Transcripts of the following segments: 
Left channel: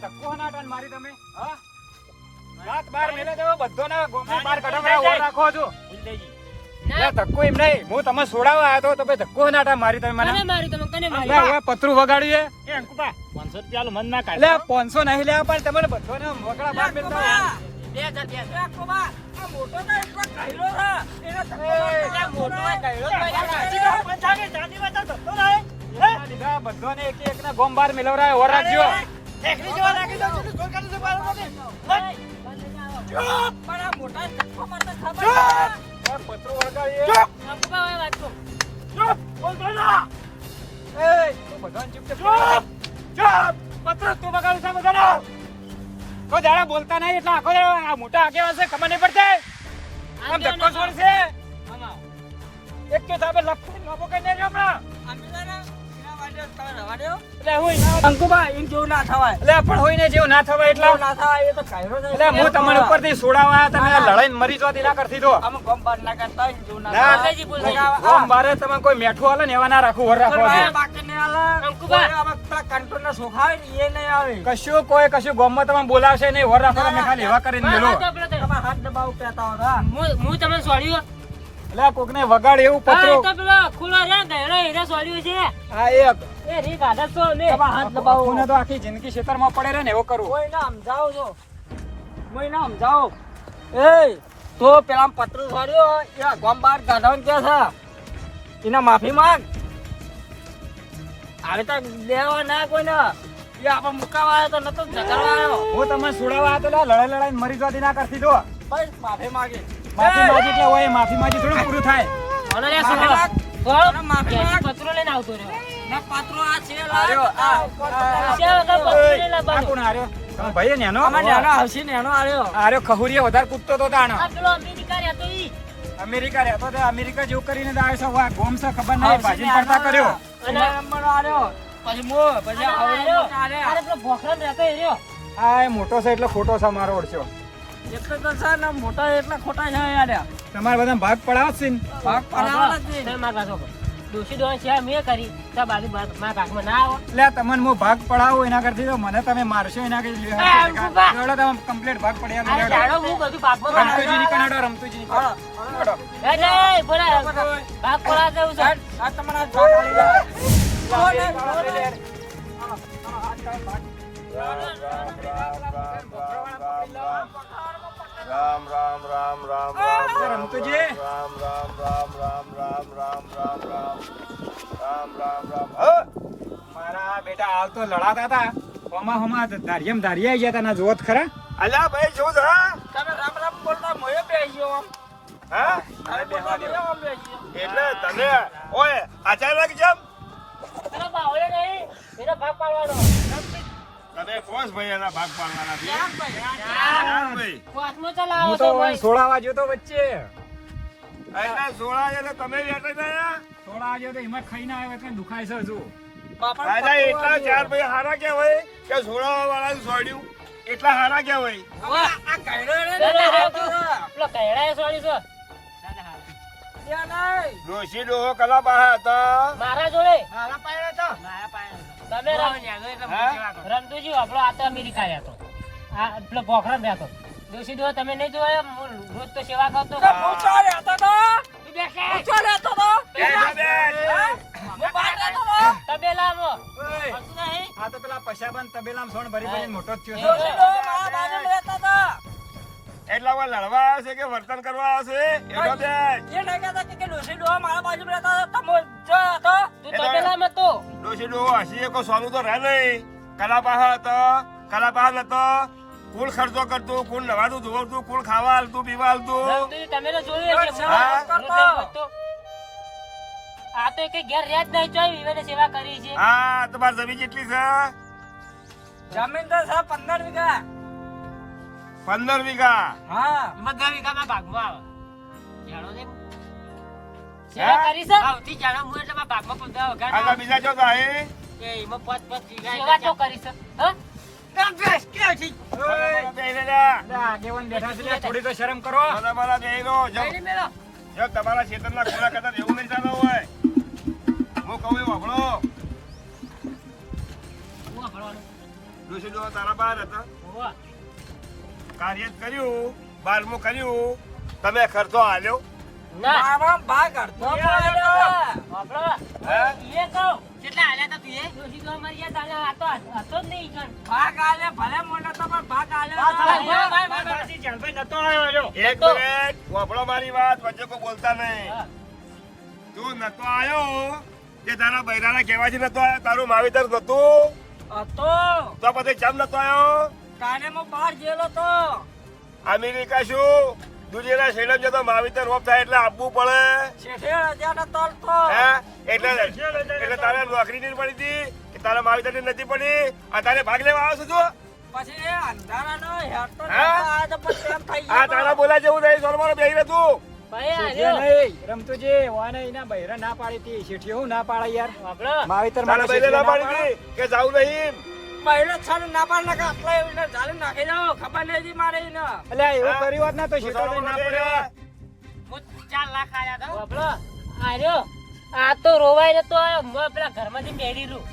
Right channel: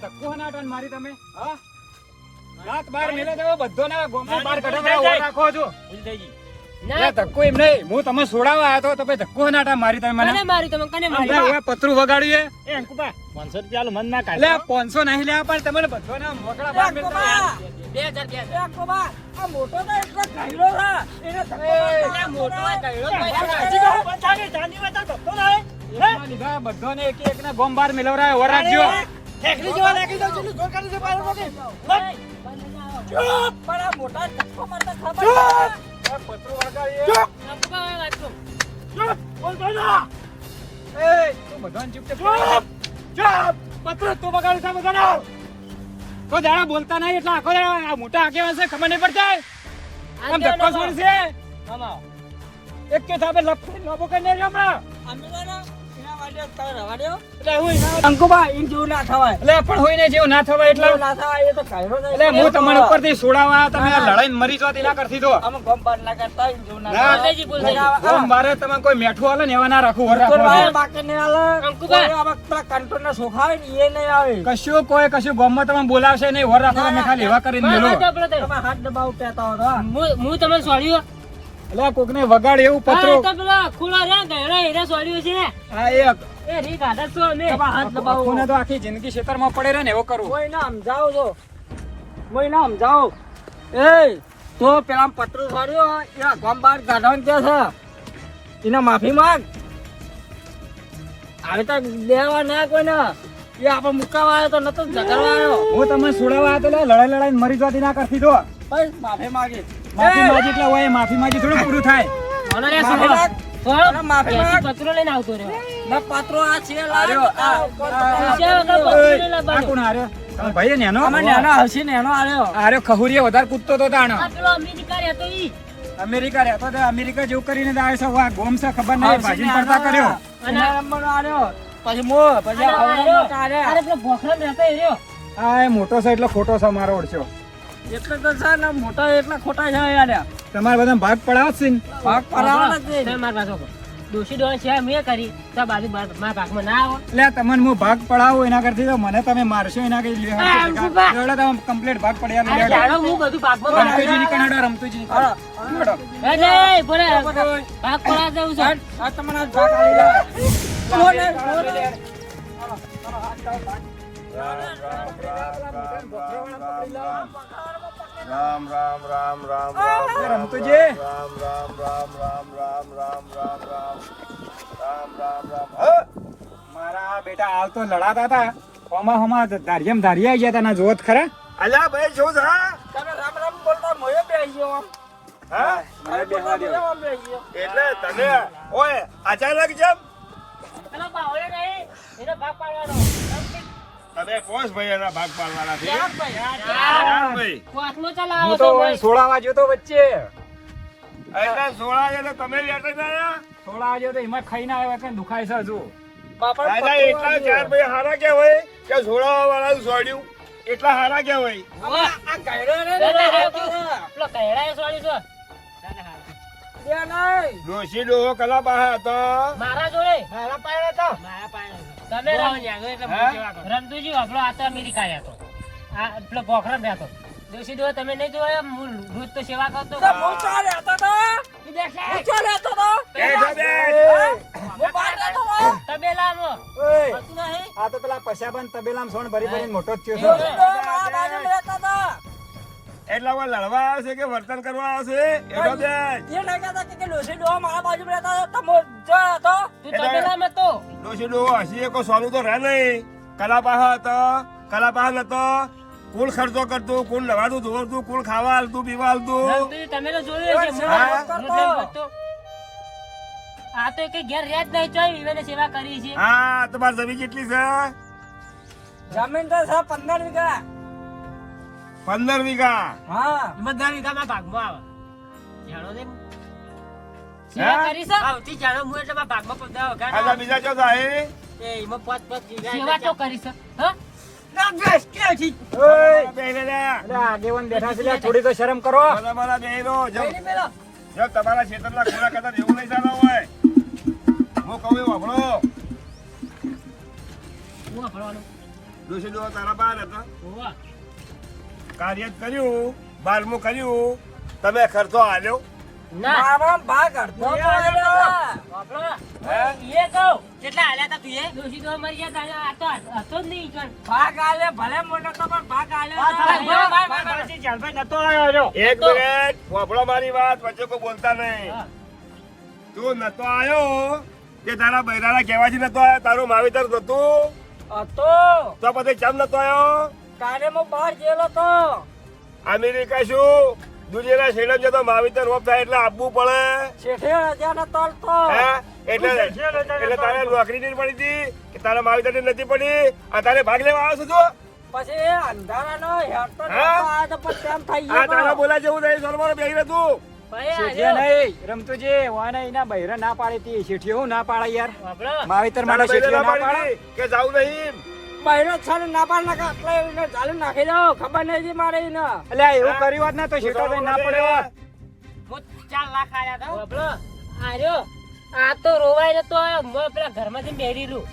ધક્કો નાટન મારી તમે હા રાત બાર મેલે દેવો બધો ના ગોમમાં બાર કઢાવા રાખો છો ના ધક્કો એમ નહીં હું તમે છોડાવવા આવ્યો તો ભાઈ ધક્કો નાટા મારી તમે મને મારી તમે કને મારી હવે પતરું વગાડ્યું એ અંકુબા 500 રૂપિયા મન ના કાઢ લે 500 નહીં લેવા પણ તમને બધોને મોકળા બાર મેલ મોટો ના એટલો કાયરો છે એને મોટો કાયરો બધોને એક એક ના ગોમ બાર મેલવરાય ઓર રાખજો ઠેકરી જેવા લાગી દો છું જોર કરી દો બાર મોટે ચૂપ પણ આ મોટા ધક્કો મારતો ખબર પતરું વગાડીએ ચૂપ ચૂપ બોલતો ના એ બધોને ચૂપ ચૂપ ચૂપ પત્ર તું બગાડ છે બગાડ તો જાડા બોલતા નહીં એટલે આખો જાડા આ મોટા આગેવાન છે ખબર નહીં પડતી આમ ધક્કો છોડ છે એક કે સાબે લપટી નોબો કરીને હમણાં અંકુબા એમ જેવું ના થવાય એટલે પણ હોય ને જેવું ના થવાય એટલે ના થવાય એ તો કાયરો એટલે હું તમારા ઉપરથી છોડાવવા તમે લડાઈને મરી જો તેલા કરતી દો આમ ગમ બાર ના કરતા એમ જેવું ના ના થવાય મારે તમે કોઈ મેઠું આલે ને એવા ના રાખું વર રાખો બાકી ને આલે અંકુબા આમાં કંટ્રોલ ના સોખાય ને એ નહીં આવે કશું ગોમમાં તમે બોલાવશે નહીં વર રાખો તમે ખાલી એવા કરીને મેલો તમે હાથ દબાવ કહેતા હતા હું તમને સોડ્યું એટલે કોકને વગાડ એવું પત્રો તો પેલા ખુલા રે ગયડા હીરા સોડ્યું છે હા એક એ રીત આદત છો મે હાથ દબાવો કોને તો આખી જિંદગી ખેતરમાં પડે રહે ને એવો કરવું કોઈ ના સમજાવો છો કોઈ ના સમજાવો એ તો પેલા પતરું સોડ્યો એ ગમ બાર કાઢવાનું કે છે એને માફી માંગ હવે તો દેવા ના કોઈ ના એ આપણે મુકાવા આવ્યો તો નતો ઝઘડવા આવ્યો હું તમને છોડાવવા આવ્યો તો લડાઈ લડાઈને મરી જતી ના કરતી દો બસ માફી માંગી માફી માગી એટલે હોય માફી માગી થોડું પૂરું થાય પત્રો લઈને આવતો રહ્યો ના પત્રો આ છે આ કોણ હાર્યો તમે ભાઈ નેનો નેનો હસી નેનો આવ્યો હાર્યો ખહુરીએ વધારે કૂદતો તો તાણ પેલો અમેરિકા રહેતો ઈ અમેરિકા રહેતો તો અમેરિકા જેવું કરીને તો આવે છે વાહ ગોમ છે ખબર નહીં ભાજી પડતા કર્યો અને નંબર આવ્યો પછી મો પછી અરે પેલો ભોખરો રહેતો એ રહ્યો આ એ મોટો છે એટલે ખોટો છે મારો ઓળખ્યો એટલે તો છે ને મોટા એટલે ખોટા છે યાર તમારે બધા ભાગ પડાવશે ને ભાગ પડાવવાના જ નહીં માર કાકો દોશી દોન છે મેં કરી તો બાજુ માર કાકમાં ના આવો એટલે તમને હું ભાગ પડાવું એના કરતી તો મને તમે મારશો એના કઈ તમે કમ્પ્લીટ ભાગ પડ્યા જાણો હું બધું ભાગમાં રમતુજી ની કનાડો રમતુજી ની એ નહીં બોલે ભાગ પડા દઉં છે આ તમારા ભાગ આલી રામ રામ રામ રામ રમતુજી રામ રામ રામ રામ રામ રામ રામ રામ રામ રામ રામ મારા બેટા હાલ તો લડાતા હતા હોમા ધારિયમ ધારિયા ગયા હતા ના જોત ખરા અલ્યા ભાઈ જો જરા તમે રામ રામ બોલતા મોયો બેહી ગયો હા મારે બેહવા દો એટલે તમે ઓય અચાનક જેમ અને બાવળે નહીં એનો ભાગ પાડવાનો તમે કોસ ભાઈ એના ભાગ પાડવાના છે યાર ભાઈ કોસમાં ચલાવો હું છો તો ભાઈ સોળાવા જ્યો તો વચ્ચે એટલે 16 એટલે તમે બેઠા ગયા સોળાવા જ્યો તો એમાં ખાઈને આવ્યો કે દુખાય છે હજુ દાદા એટલા ચાર ભાઈ હારા કેવાય કે જોડાવા વાળા છોડ્યું એટલા હારા કેવાય આ કઈડો રે પેલો કઈડા સોરી છે ડોશી ડોહો કલા બહાર હતા મારા જોડે મારા પાયે તો મારા પાસે તમે રમતુજી આપણો આ તો અમેરિકા હતો આ પેલો ભોખરો રહેતો દોશી દો તમે નહીં જોયા હું રોજ તો સેવા કરતો પૂછો રહેતો તો પૂછો રહેતો તો તબેલામાં આ તો પેલા પશાબાન તબેલામાં સોણ ભરી ભરીને મોટો જ થયો દોશી છે દો મારા બાજુ રહેતો તો એટલા વાર લડવા આવશે કે વર્તન કરવા આવશે એટલો બે એ નહીં કહેતા કે દોશી દો મારા બાજુ રહેતા હતા તમે જો હતો તું તબેલામાં તો ડોશી ડોહો હસી કોઈ સોનું તો રહે નહીં કલા બહાર હતા કલા બહાર નતો કુલ ખર્ચો કરતું કુલ નવાતું ધોવતું કુલ ખાવા હાલતું પીવા હાલતું તમે તો જોયું છે આ તો એક ઘેર રેત નહીં ચોય વિવેને સેવા કરી છે હા તમારી જમીન કેટલી છે જમીન તો છે 15 વીઘા 15 વીઘા હા બધા વીઘામાં ભાગમાં આવે જાણો ને સેવા કરી છે આવતી જાણો હું એટલે માં ભાગમાં 15 વીઘા આ બીજા ચો થાય એ એમાં 5 વીઘા સેવા તો કરી છે હા ના બેસ કે ઠીક આગેવાન બેઠા છે થોડી તો શરમ કરો મારા બેરો જો લઈને મેલો જો તમારા ક્ષેત્રના ખોરા કદાચ એવું નહીં ચાલો હોય હું કહું એવું આપણો હું ભણવાનું ડોશી ડોહા તારા બહાર હતા હોવા. કાર્ય જ કર્યું 12મું કર્યું તમે ખર્ચો આલ્યો ના મારા ભાગ અડધો બાપડો, હે એ કહું કેટલા હાલ્યા તા તું એ ડોશી તો મરી ગયા તા, આ તો હતો જ નહીં ઈકણ. ભાગ આલે ભલે મોટો તો પણ ભાગ આલે મારાથી જાનભાઈ નતો આવ્યો રહ્યો. એક મિનિટ વાપરો મારી વાત વચ્ચે કોઈ બોલતા નહીં તું નતો આયો કે તારા બૈરાના કહેવાથી નતો આયો તારું માવીતર નતું હતો તો પછી કેમ નતો આયો કાલે હું બહાર ગયેલો તો અમેરિકા શું દુનિયાના શેલમ જતો માવીતર રોપ થાય એટલે આપવું પડે શેઠે રજા ન તોલતો હે એટલે તારે નોકરી નહીં પડી હતી કે તારા માવીતર નથી પડી અને તારે ભાગ લેવા આવ્યો છું તું પછી એ અંધારાનો હેરતો હે? આ તો પછી તેમ થઈ આ તારા બોલા જેવું નહીં સોલમાનો બેહી રહે તું ભાઈ શેઠિયા હાલ્યો. નહીં, રમતુજી, વાના એના બૈરા ના પાડી હતી. શેઠિયો હું ના પાડે યાર? બાપડો, માવીતર તારા માટે બૈરે ના શેઠિયો ના પાડી હતી કે જાવું નહીં બહેરો છાને ના પાડ નાખા એટલે એને ચાલુ નાખી દો ખબર નહીં જી મારે એને પાડે. અલ્યા, એવું કર્યું હોત ને તો શેઠિયો ના પડે. હું 4 લાખ આલ્યા તા. બાપડો, હાલ્યો. આ તો રોવાય નતો આવ્યો. હું પેલા ઘરમાંથી બેઠી રહું.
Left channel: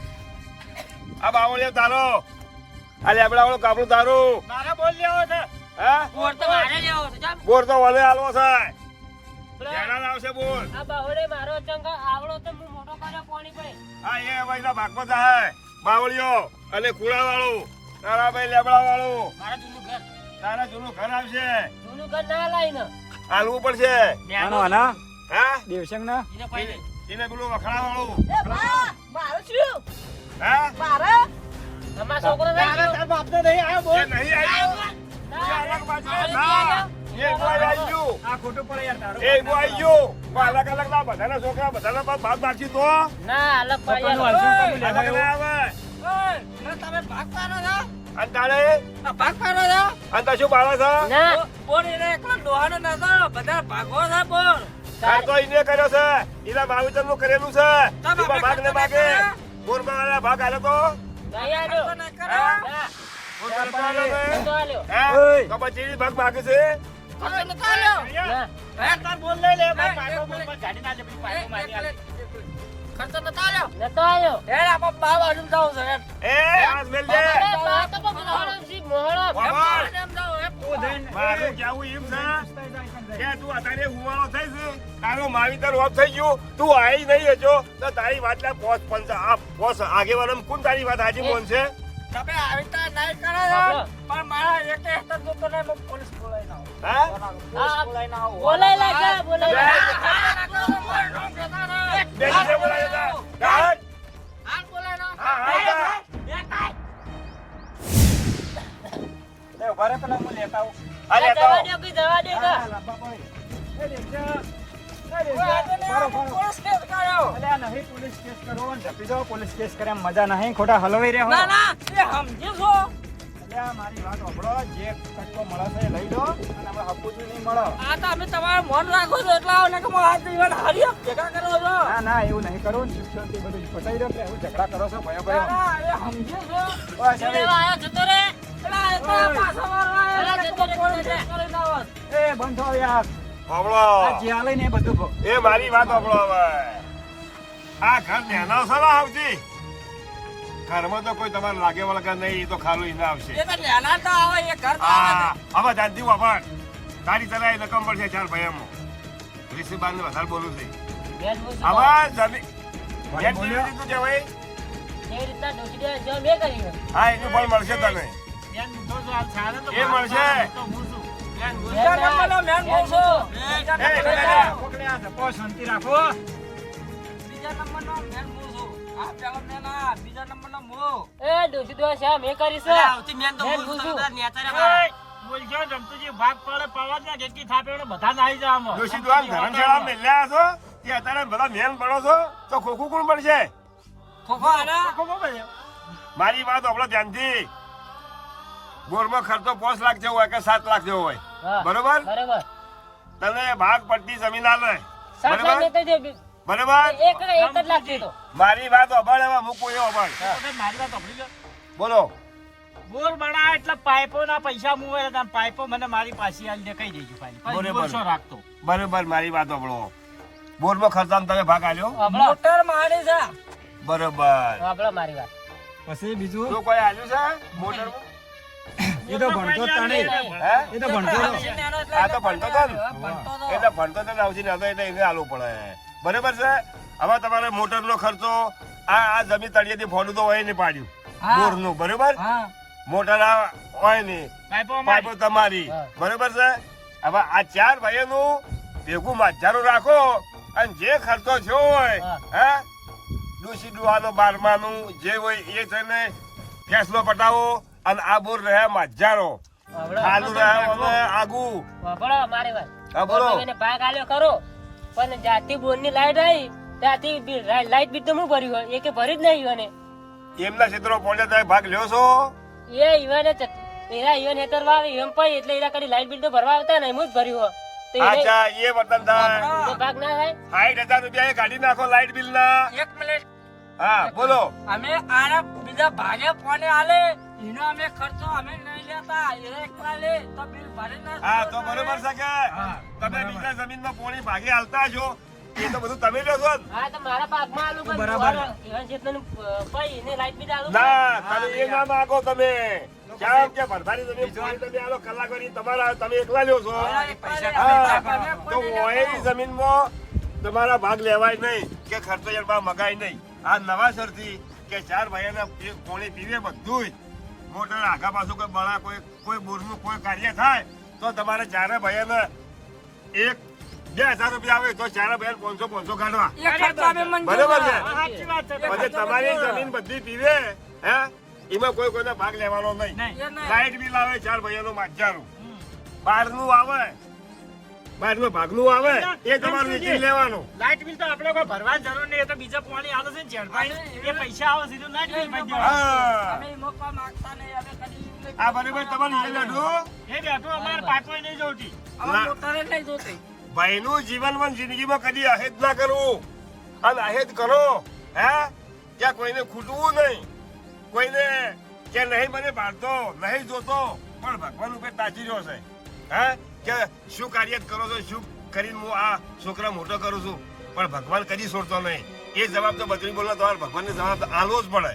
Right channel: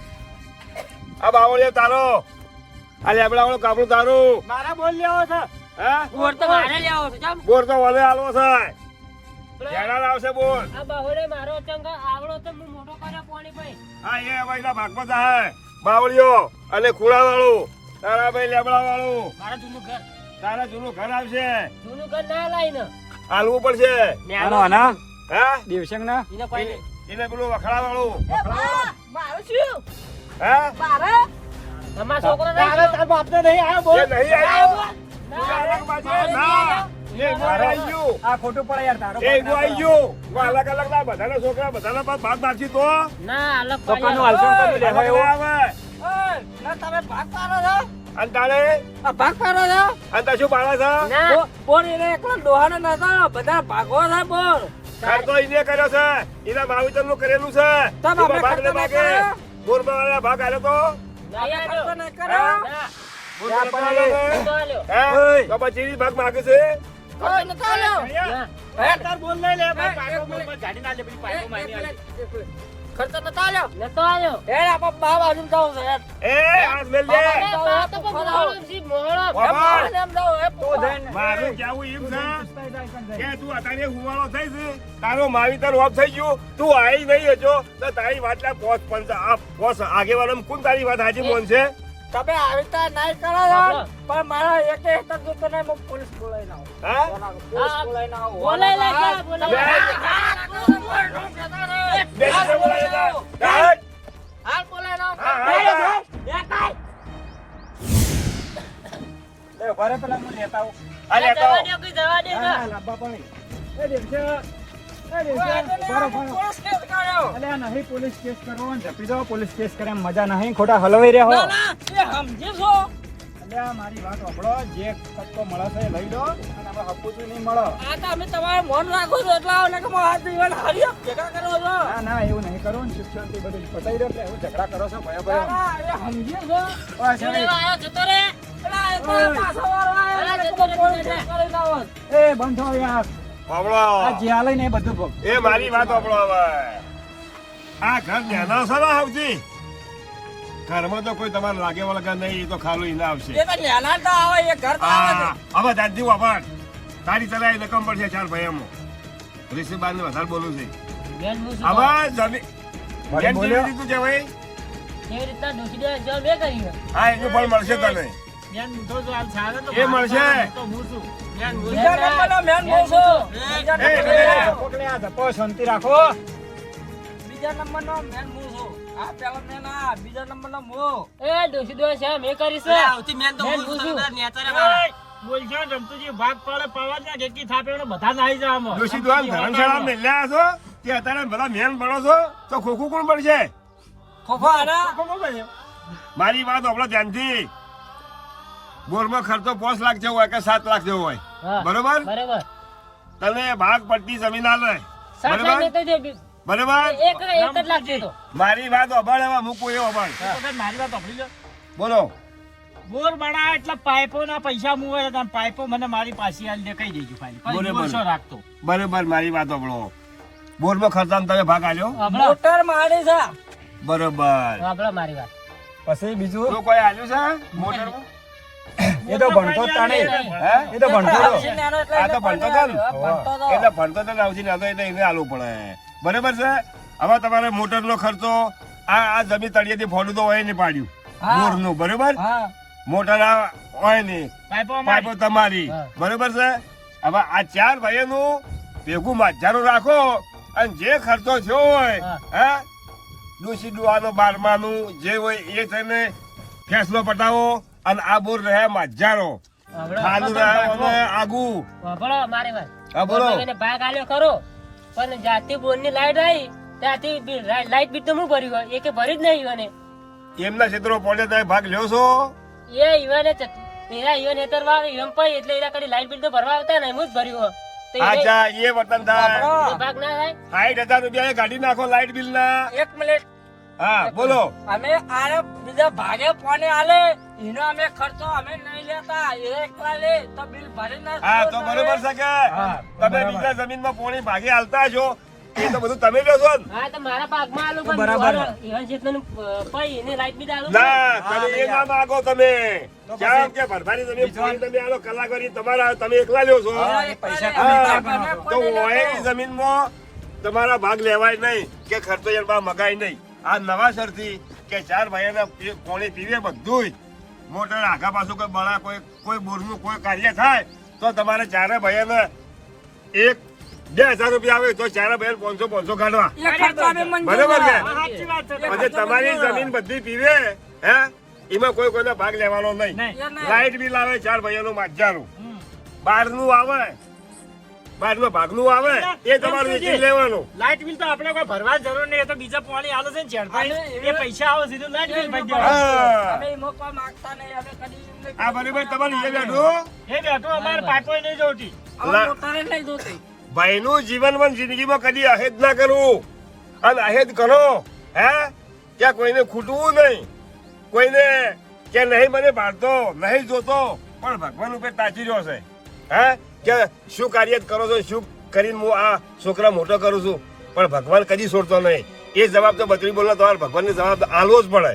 આ બાવળિયો તારો આ લેબડા વાળો કાપડું તારું મારા બોલ લેવો છે. હા બોર તો મારે લેવો છે કેમ? બોર તો વલે આલવો છે પેલા જેડા આવશે બોર આ બાહોડે મારો ચંગ આવડો તો હું મોટો કર્યો પાણી ભાઈ. હા એ ભાઈના ભાગમાં થાય બાવળિયો અને કુડા વાળું તારા ભાઈ લેબડા વાળું મારા જૂનું ઘર. તારા જૂનું ઘર આવશે જૂનું ઘર ના લાઈને. હાલવું પડશે આનો અનામ હા દિવસંગના. એને કોઈ એને એને પેલું વખડા વાળું મારું શું હા મારે અમારો છોકરો નહીં ગયો. તારા બાપને નહીં આવ્યો બોલ. એ નહીં આવ્યું ના, અલગ બાજુ મારે નહીં ના આવ્યો. એ ગોળ આવી ગયું આ ખોટું પડે યાર તારો. એ ગો આવી ગયું અલગ અલગ ના બધાના છોકરા બધાના પાસ ભાગ માગી તો ના, અલગ છોકરાનું પાડી હાલતું કરી અલગ લેવાય ના આવે તમે ભાગ પાડો છો અને તારે આ ભાગ પાડો છો અને તા શું પાડે છે ના, બોર એને એકલો ડોહાનો નતો બધા ભાગો છે બોર તાર તો ઈને કર્યો છે એના માવીતર નું કરેલું છે તમે એમાં ભાગ ખર્ચો ને માગે નહીં કર્યો? બોરમાં આયા ભાગ આલ્યો તો નહીં આવ્યો. ખર્ચો નહીં કરો ના, બોરમાં નતો આલ્યો ને? હું તો આલ્યો. હે તો પછી ભાગ માગે છે ખર્ચો નહીં કરો ના, તાર બોલ લઈ લે. એક પાકો મિનિટ. બોલમાં ગાડી ના લે, પછી પાકો મારી આલે. ખર્ચો નતો આલ્યો નતો આવ્યો. એ આપા બા બાજુ જાવ છે એ આ મેલ દે આ તો મોહરમ છે, મોહરમ. બાબા એમ જાવ એ પોધા મારું કેવું એમ છે કે તું અત્યારે હુવાળો થઈ છે તારો માવીતર ઓફ થઈ ગયું તું આવી નહીં હજો તો તારી વાત ના પોસ પંચ પોસ આગેવાળા કોણ તારી વાત હાજી મોન છે તમે આવી રીતે નહીં કરો છો, પણ મારા એક હેતર જોતો નહીં હું પોલીસ બોલાવી લાવું હા પોલીસ બોલાવીને આવું બોલાય લાગે, બોલાય લાગે. બેસી જા બોલાય જા ડાટ હાલ બોલાવી લાવું હા હા એ ઉભા રહે, પેલા હું લેતા આવું. આ લેતો જવા દ્યો, કોઈ જવા દ્યો હા, ના. હા, લાંબા પડે. એ દેખજો. એ દેખજો. ફરો, ફરો. પોલીસ કેસ કર્યો અલ્યા, નહીં પોલીસ કેસ કરવો ને જપી દો. પોલીસ કેસ કર્યા મજા નહીં, ખોટા હલવાઈ રહ્યા હો. ના ના એ સમજી છો અલ્યા, મારી વાત સાંભળો. જે કટકો મળે છે એ લઈ દો અને આપણે હપુચી નહીં મળો. આ તો અમે તમારું મન રાખો છો એટલે આવો ને કે મારા હાથ દીવાના હારી ભેગા કરો છો ના ના, એવું નહીં કરો ને. શિક્ષણથી બધું પતાઈ દો. એટલે એવું ઝઘડા કરો છો ભયો ભયો. ના, એ સમજી છો શું લેવા આયો? જતો રે. આ એ તો પાછો વાળો આવ્યો એટલે કે પોલીસ કેસ કરીને આવત. એ બંધ થો યાર. આ સાંભળો જે હાલે ને એ બધું ભોગ. એ મારી વાત સાંભળો હવે આ ઘર નેના છે ને આવતી ઘરમાં તો કોઈ તમારે લાગે વળગા નહીં એ તો ખાલી ઈને આવશે એ તો લેના તો આવે એ ઘર તો આવે છે. હવે દાદી વાપર તારી તને રકમ પડશે 4 ભાઈઓમાં ઋષિબાન વધારે બોલું છે બેન હું શું હવે કહું? જમી જેમ બોલ્યો? જેવી રીતનું કહેવાય એ રીતના ડૂસી દે, જો મેં કરી હોય. હા એનું ફળ મળશે તને બેન, તો જો આ સારા તો એ મળશે. મારા તો હું છું. બેન, હું બીજા નંબરનો મેન બોલ છો. બીજા એ, નંબરનો- પકડે આ ધક્કો, શાંતિ રાખો. બીજા નંબરનો મેન બોલ છો. આ પેલો મેન આ બીજા નંબરનો મો. એ ડૂસી દો છે, મેં કરી છે. મેન હું છું. એ, બોલજો ને, રમતુજી, ભાગ પડે પાડવા જ ના, કેટલી થાપે એમને બધા નાહી જાવ આમાં. ડોશી તું આમ ધર્મશાળા મેલ્યા છો તે અત્યારે બધા મેન પડો છો તો ખોખું કોણ પડશે ખોખો આના. કોકો બન્યો? મારી વાત આપણો ધ્યાનથી બોરમાં ખર્ચો 5 લાખ જેવો હોય કે 7 લાખ જેવો હોય હા, બરોબર બરાબર. તને ભાગ પડતી જમીન આલે સાત લાખ બરોબર લેતા જો. બરોબર એક જ લાખ દેતો. મારી વાત અભાળ એવા મૂકું એ અભાળ વખત મારી વાત સાંભળી લો. બોલો બોર બનાવે એટલે પાઇપો ના પૈસા મુવે એટલે પાઇપો મને મારી પાસે આલી દે, કહી દેજો ખાલી. પછી બરોબર. બોલ શું રાખતો. બરોબર મારી વાત અભળો બોરમાં ખર્ચામાં તમે ભાગ આલ્યો હમણાં મોટર મારી છે. બરોબર સાંભળો મારી વાત. પછી બીજું તો કોઈ આવ્યું છે મોટર એ તો ભણતો જ તાણે. હે એ તો ભણતો જ. આ તો ભણતો હતો ને એટલે ભણતો તો આવશે ને હવે એને આલવું પડે બરાબર છે. હવે તમારે મોટરનો ખર્ચો આ જમીન તળિયેથી ફોડું તો હોય ને પાડ્યું બોરનું બરાબર. મોટર આ હોય ને પાઇપો તમારી બરાબર છે. હવે આ 4 ભાઈઓનું ભેગું માજારું રાખો અને જે ખર્ચો થયો હોય હા ડૂસી ડુહાનો 12માનું જે હોય એ થઈને ફેસલો પટાવો અને આ બોર રહ્યા માજારો ખાલું રહ્યા આગુ. વાપરો મારી વાત. હા બોલો. એને ભાગ આલ્યો ખરો પણ જાતી બોરની લાઈટ આવી ત્યાંથી લાઈટ બિલ તો હું ભર્યું હોય એ કે ભરી જ નહીં અને એમના ક્ષેત્રો પહોંચે તમે ભાગ લ્યો છો એ ઈવાને એના ઈવાને હેતરવા આવે એમ પઈ એટલે એના કડી લાઈટ બિલ તો ભરવા આવતા ને હું જ ભર્યું હોય તો એને અચ્છા એ વતન થાય ભાગ ના થાય 60,000 રૂપિયા એ કાઢી નાખો લાઈટ બિલ ના. એક મિનિટ હા બોલો. અમે આને બીજા ભાગે ફોને આલે એનો અમે ખર્ચો અમે નહીં લેતા એ એકલા લે તો બિલ ભરી ના હા તો બરોબર છે કે તમે બીજા જમીનમાં પોણી ભાગે હાલતા છો એ તો બધું તમે લો છો ને? હા તો મારા ભાગમાં આલું પણ ઈવાન જેટલું પઈ એને લાઈટ બિલ આલું ના તમે એ ના માગો તમે કેમ કે ભરભારી જમીન પોણી તમે આલો કલાકારી તમારા તમે એકલા લ્યો છો. હા, તો ઓય જમીનમાં તમારા ભાગ લેવાય નહીં કે ખર્ચો યાર મગાય નહીં. આ નવા સરથી કે 4 ભાઈઓના પોણી પીવે બધું મોટર આગા પાછું કોઈ બળા કોઈ બોરનું કોઈ કાર્ય થાય તો તમારે 4 ભાઈઓને 1-2 હજાર રૂપિયા આવે તો 4 ભાઈઓ 500 કાઢવા બરોબર છે. પછી તમારી જમીન બધી પીવે હે એમાં કોઈનો ભાગ લેવાનો નહીં. લાઈટ બિલ આવે 4 ભાઈઓનું માજારું 12નું આવે 12નો ભાગનું આવે એ તમારું વેચી લેવાનું. લાઈટ બિલ તો આપણે કોઈ ભરવા જરૂર નહીં. એ તો બીજા પાણી આલે છે ને ઝેડભાઈ એ પૈસા આવે સીધું લાઈટ બિલ ભરી દેવાનું. હા અમે મોકવા માંગતા નહીં અમે કદી આ બરોબર તમારે એ બેઠું એ બેઠું અમારે પાઇપો નહીં જોતી. અમે મોટાને નહીં જોતી ભાઈનું જીવનમાં જિંદગીમાં કદી અહેદ ના કરવું અને અહેદ કરો હે ત્યાં કોઈને ખૂટવું નહીં કોઈને કે નહીં મને બાળતો નહીં જોતો પણ ભગવાન ઉપર તાચી રહ્યો છે હે કે શું કાર્ય કરો છો શું કરીને હું આ છોકરા મોટો કરું છું પણ ભગવાન કદી છોડતો નહીં. એ જવાબ તો બકરી બોલનો તમારે ભગવાનને જવાબ આલવો જ પડે.